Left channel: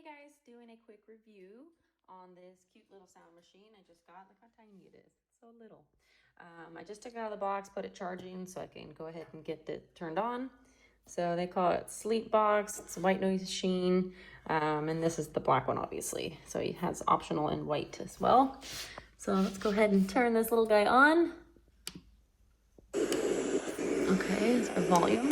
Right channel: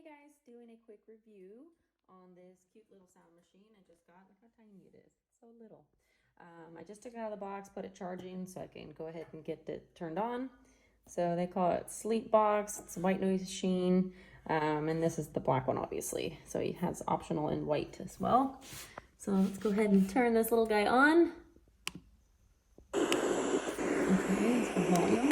Hey guys, doing a quick review on this cute little sound machine I just got. Look how tiny it is, so little. I just took it out of the box, put it charging so I can go ahead and get it turned on. So they call it Sleepbox. It's a white noise machine, and this is the black one obviously. So it has optional in white as well. So let's go ahead and turn this little guy on. Okay, that's our volume.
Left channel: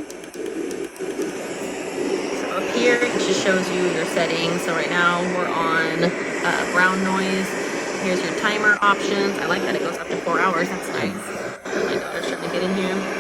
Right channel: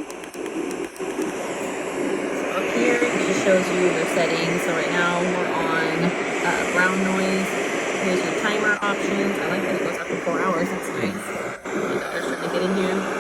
Here it just shows you your settings. So right now we're on brown noise. Here's your timer options. I like that it goes up to 4 hours. That's nice. I like the pressure to get in here.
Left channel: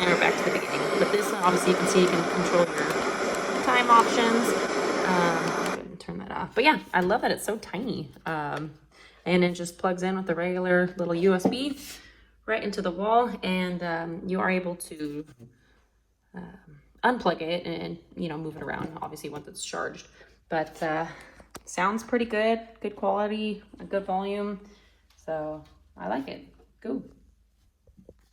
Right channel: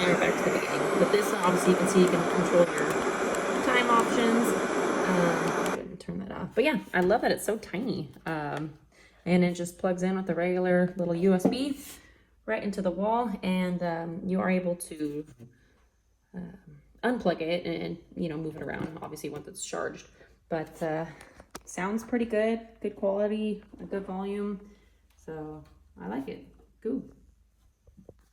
And back to the beginning. With this one, obviously, you can see you can control your time options. Turn that off. But yeah, I love that it's so tiny. And it just plugs in with the regular little USB right into the wall, and you are able to unplug it and move it around. Obviously, once it's charged. But sounds pretty good. Good quality, a good volume. So I like it. Cool.